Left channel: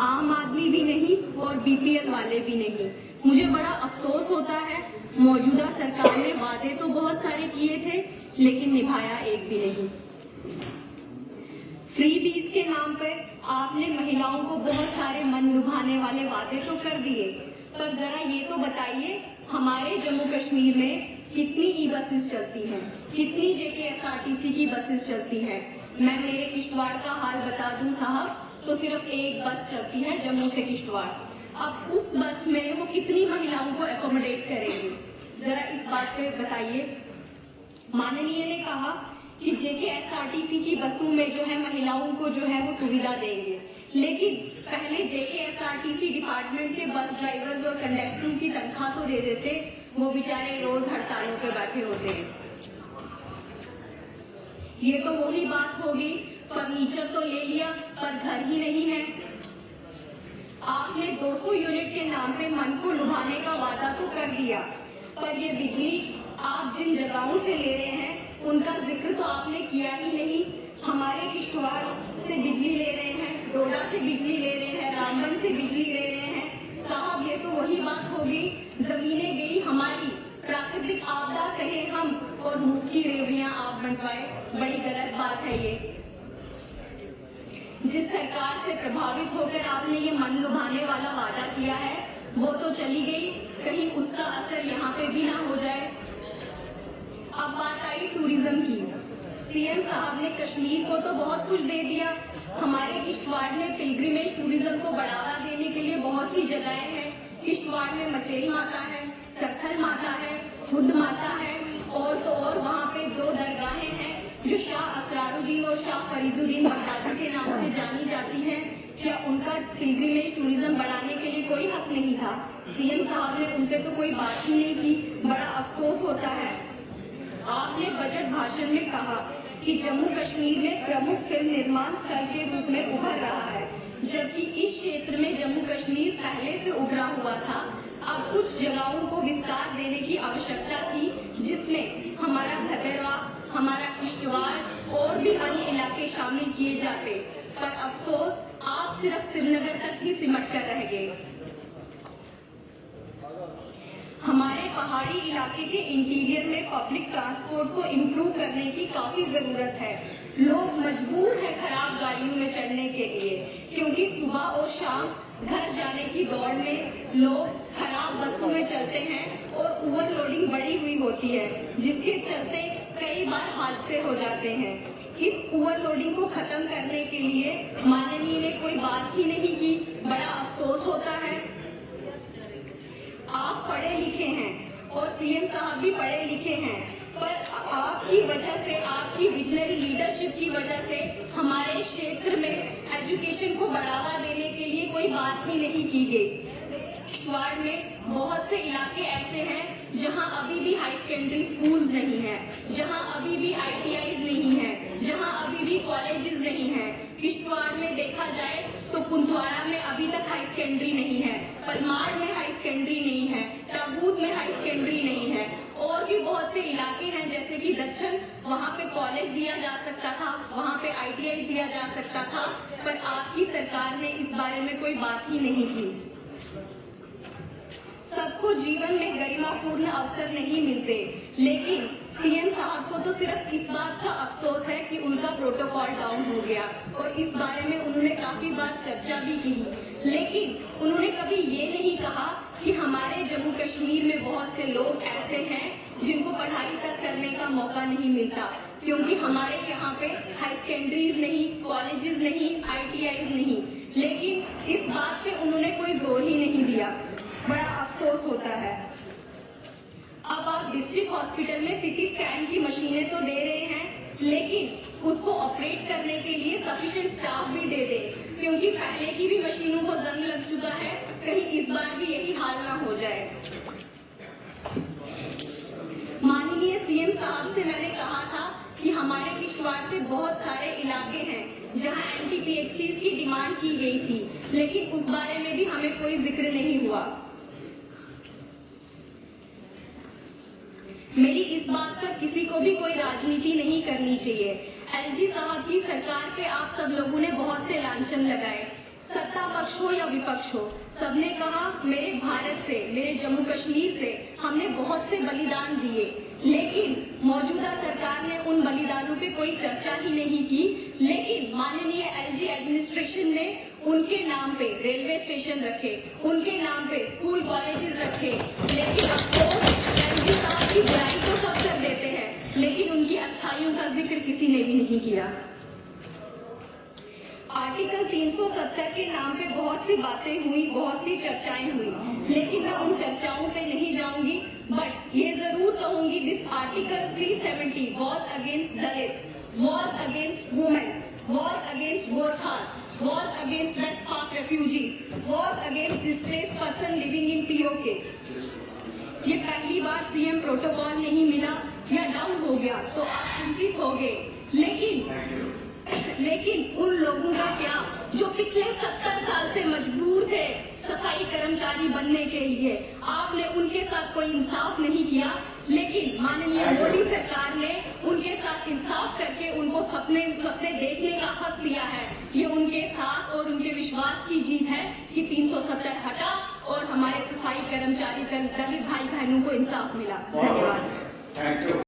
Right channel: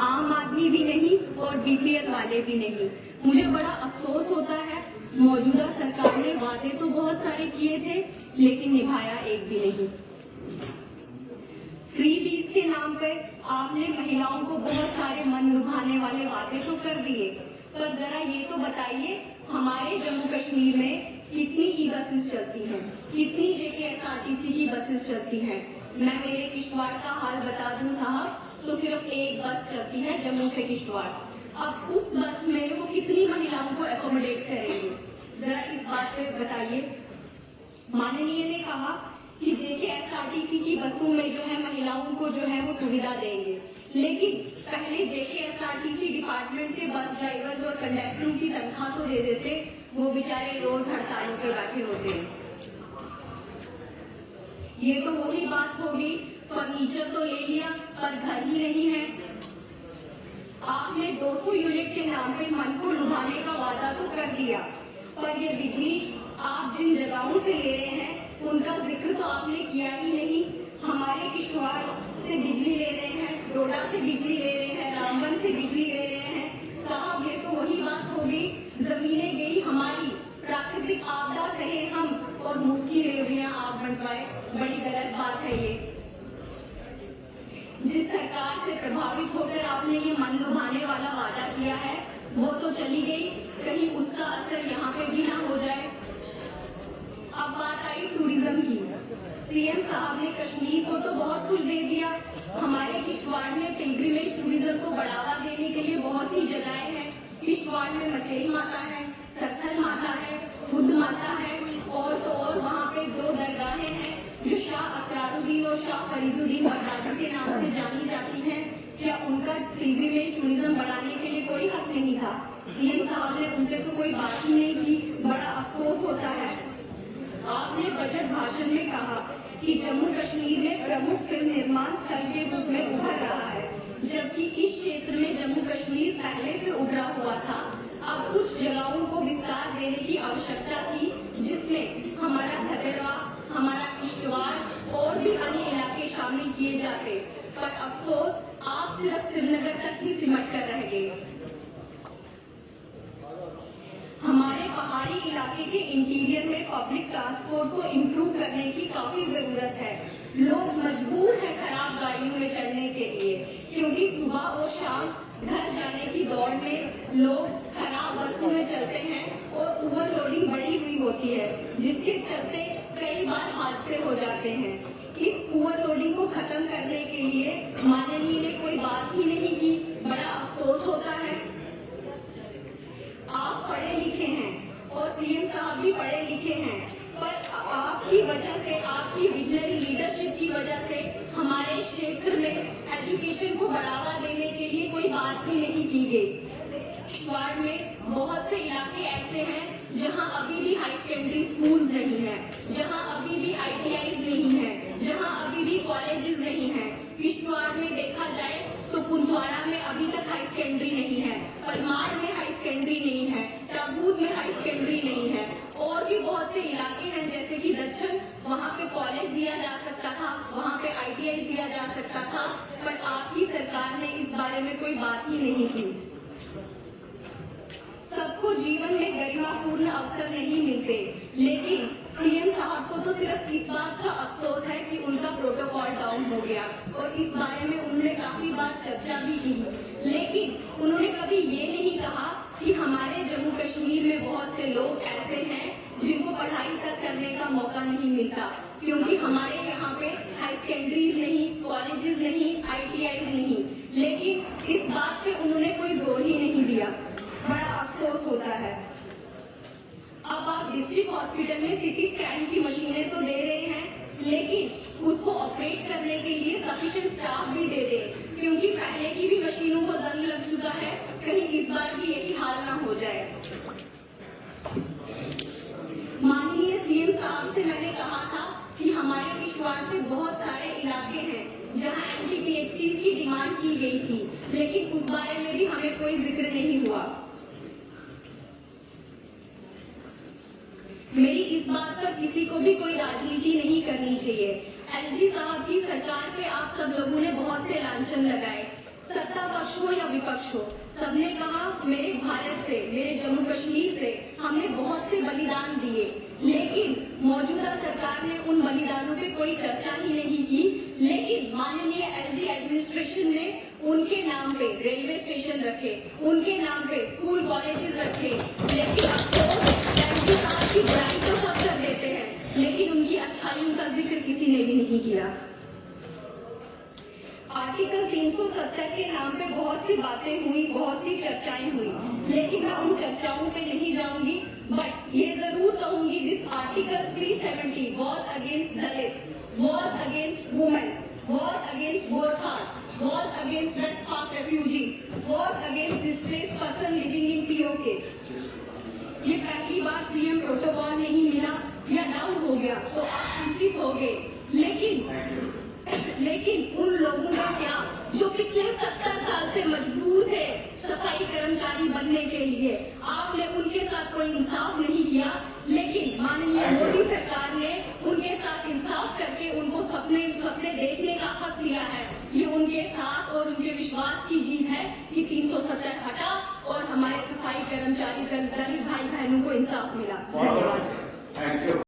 आम आदमी भी नहीं और बीपीएल वाले भी नहीं। मुझे बड़ा अफसोस होता है, मौजूदा सरकार ने वादे तो बहुत सारे किए थे लेकिन निभाया एक भी नहीं। फ्री बीज के नाम पर आपने महिलाओं को बहुत सारे मन लुभाने वाले वादे तो कर दिए, पर जरा ये तो बताइए हमारे जम्मू कश्मीर में कितनी ई बसेस चलती हैं, कितनी JKSRTC की बसेस चलती हैं। मैं मेरे किश्तवाड़ का हाल बता दूं साहब, तो सिर्फ एक बस चलती है जम्मू से किश्तवाड़। अब उस बस में वो कितनी महिलाओं को एकोमोडेट करेंगे, जरा इस बात पे बताइए। माननीय ने कहा कि JKSRTC की बसों में जो है महिलाओं को जो है वो सुविधा देंगे, लेकिन पहले JKSRTC डिपार्टमेंट के बस ड्राइवर्स और कंडक्टरों की तनख्वाह तो दे देते, वो बेचारे रोज हड़तालों पर बैठे होते हैं। ये तो वही बात होगी, फर्नीचर तो ले लिया पर घर ही नहीं है। आपने 200 यूनिट के नाम पे मन को लुभाने का वादा तो कर दिया, पर ये बिजली आप जिन जगहों से ले रहे हैं उनका जिक्र तो आपने किया ही नहीं। हमारे किश्तवाड़ से बिजली ले रहे हैं, डोडा से बिजली ले रहे हैं, रामबन से बिजली ले रहे हैं। साहब ये तो वही बात होगी, जमीनें गई हमारी, प्राकृतिक आपदा सहे हम और मुंह की रेवड़ियां आप बन पाए। बड़ी गलत बात है ये। जिस सरकार से प्रभावित होकर आपने ये मन लुभाने वाला वादा किया है वो तो चली गई, कहीं उसका असर यहाँ पे भी ना हो जाए। अब बात आई टूरिज्म की। सीएम साहब ने कश्मीर को तो बहुत कुछ दे दिया, हमारे किश्तवाड़ में पिलग्रिमेज टूरिज्म को बढ़ावा देने के लिए बहुत सी जगहें हैं। किश्तवाड़ में मछली माता है, सत्थर माता है, बुद्ध माता है, और तो और वहाँ पे 2 दरगाहें हैं जो शाह असरारुद्दीन और शाह फरीदुद्दीन बगदादी के नाम से जानी जाती हैं। क्या उनका पिलग्रिमेज टूरिज्म बढ़ाने के लिए कोई हक नहीं था? सीएम साहब ने उनसे तो कोई बात ही नहीं की, बड़ा अफसोस होता है। आपने बजट भाषण में कहा कि जम्मू कश्मीर में प्रमुख फिल्म निर्माण स्थल के रूप में उभर रहा है, जबकि इस क्षेत्र में जम्मू कश्मीर पहले से उभरा हुआ था। अब कुछ जगहों को विस्तार देने की आवश्यकता थी, जिसमें हमारा धतेरा, हमारा किश्तवाड़ और भी अन्य इलाके शामिल किए जाते, पर अफसोस आप सिर्फ श्रीनगर तक ही सिमट कर रह गए। हमारे पहाड़ी इलाके के इंटीरियर में पब्लिक ट्रांसपोर्ट को इम्प्रूव करने की काफी जरूरत है। लोग मजबूर है खराब गाड़ियों में चढ़ने के लिए, क्योंकि सुबह और शाम घर जाने की दौड़ में लोग खराब बसों में चलते हैं और ओवरलोडिंग बढ़ी हुई होती है, जिसके चलते कई बार हादसे हो जाते हैं। इस ओवरलोडिंग को खत्म करने के लिए माननीय ने कोई बात ही नहीं की, बड़ा अफसोस होता है। आप पढ़े लिखे हैं और सीएम साहब भी पढ़े लिखे हैं, पर आपकी वजह से, आपकी विजनरी लीडरशिप की वजह से हमारे क्षेत्र में एजुकेशन को बढ़ावा देने के लिए कोई बात ही नहीं की गई। किश्तवाड़ में बहुत से इलाके ऐसे हैं जहां अभी भी हाई सेकेंडरी स्कूल नहीं है, जहां अभी भी ITI नहीं है, जहां अभी भी कॉलेजेस नहीं है। किश्तवाड़ में देखा जाए तो कुंजवाड़ा में अभी तक हाई सेकेंडरी नहीं है, परमार में हाई सेकेंडरी नहीं है, ताबूत में हाई सेकेंडरी नहीं है, और भी बहुत से इलाके हैं जैसे कि दक्षिण, वहाँ पे कॉलेज दिया जा सकता था, वहाँ पे ITI दिया जा सकता था, पर आपकी सरकार ने इस बारे में कोई बात ही नहीं की। सबको जीवन में गरिमापूर्ण अवसर नहीं मिलते, लेकिन सीएम साहब को तो सिर्फ इस बात का अफसोस है कि उनका प्रोटोकॉल डाउन हो गया, और इस बारे में उन्होंने काफी बार चर्चा भी की, लेकिन उन्होंने कभी ये नहीं कहा कि हमारे जम्मू कश्मीर में बहुत से लोग ऐसे हैं जिनको पढ़ाई तक करने का मौका नहीं मिलता, क्योंकि हमारे यहाँ पे हाई सेकेंडरीज नहीं, कॉलेजेस नहीं, ITI नहीं, लेकिन इस बात पे उन्होंने कोई जोर ही नहीं दिया। बड़ा अफसोस होता है। अब आप डिस्ट्रिक्ट हॉस्पिटल में CT स्कैन की मशीनें तो दे रहे हैं, लेकिन उसको ऑपरेट करने के लिए सफिशिएंट स्टाफ भी दे दे, क्योंकि पहले की भी मशीनों को जंग लग चुका है, कहीं इस बार भी यही हाल ना हो जाए। माननीय सीएम साहब से मैंने कहा था कि हमारे किश्तवाड़ से बहुत सारे इलाके हैं जहां NTPHC की डिमांड की गई थी, लेकिन उस बारे में भी हमें कोई जिक्र नहीं हुआ। मेरी इस बात पर किसी को भी कोई राजनीति नहीं करनी चाहिए। LG साहब की सरकार पे आप सब लोगों ने बहुत से लांछन लगाए, सत्ता पक्ष हो विपक्ष हो, सबने कहा मेरे भारत से, मेरे जम्मू कश्मीर से हमने बहुत से बलिदान दिए, लेकिन मौजूदा सरकार ने उन बलिदानों पे कोई चर्चा ही नहीं की। लेकिन माननीय एलजी एडमिनिस्ट्रेशन ने उनके नाम पे रेलवे स्टेशन रखे, उनके नाम पे स्कूल कॉलेजेस रखे, लेकिन आपकी बुराई तो सब कर देते हैं, लेकिन उनकी अच्छाइयों का जिक्र किसी ने भी नहीं किया। आर्टिकल 370 के नाम पे बहुत सी बातें हुई, बहुत सी चर्चाएं हुई, लेकिन मैं उन चर्चाओं पे नहीं जाऊंगी, बट ये जरूर कहूंगी this article 370 was against Dalit, was against women, was against Gorkha, was against west Pak refugee, was against displaced person living in PoK. ये पहली बार सीएम प्रोटोकॉल नहीं मिला या डाउन हो गया तो आप चिंतित हो गए, लेकिन उन लोगों का क्या जो पिछले 70 साल से मजबूर थे सफाई कर्मचारी बनने के लिए, आपने उनके साथ कोई इंसाफ नहीं किया, लेकिन माननीय मोदी सरकार ने उनके साथ इंसाफ करके उनको सपने देखने का हक दिया है। ये उनके साथ और उनके विश्वास की जीत है कि 370 हटा और हमारे सफाई कर्मचारी दलित भाई बहनों को इंसाफ मिला। धन्यवाद।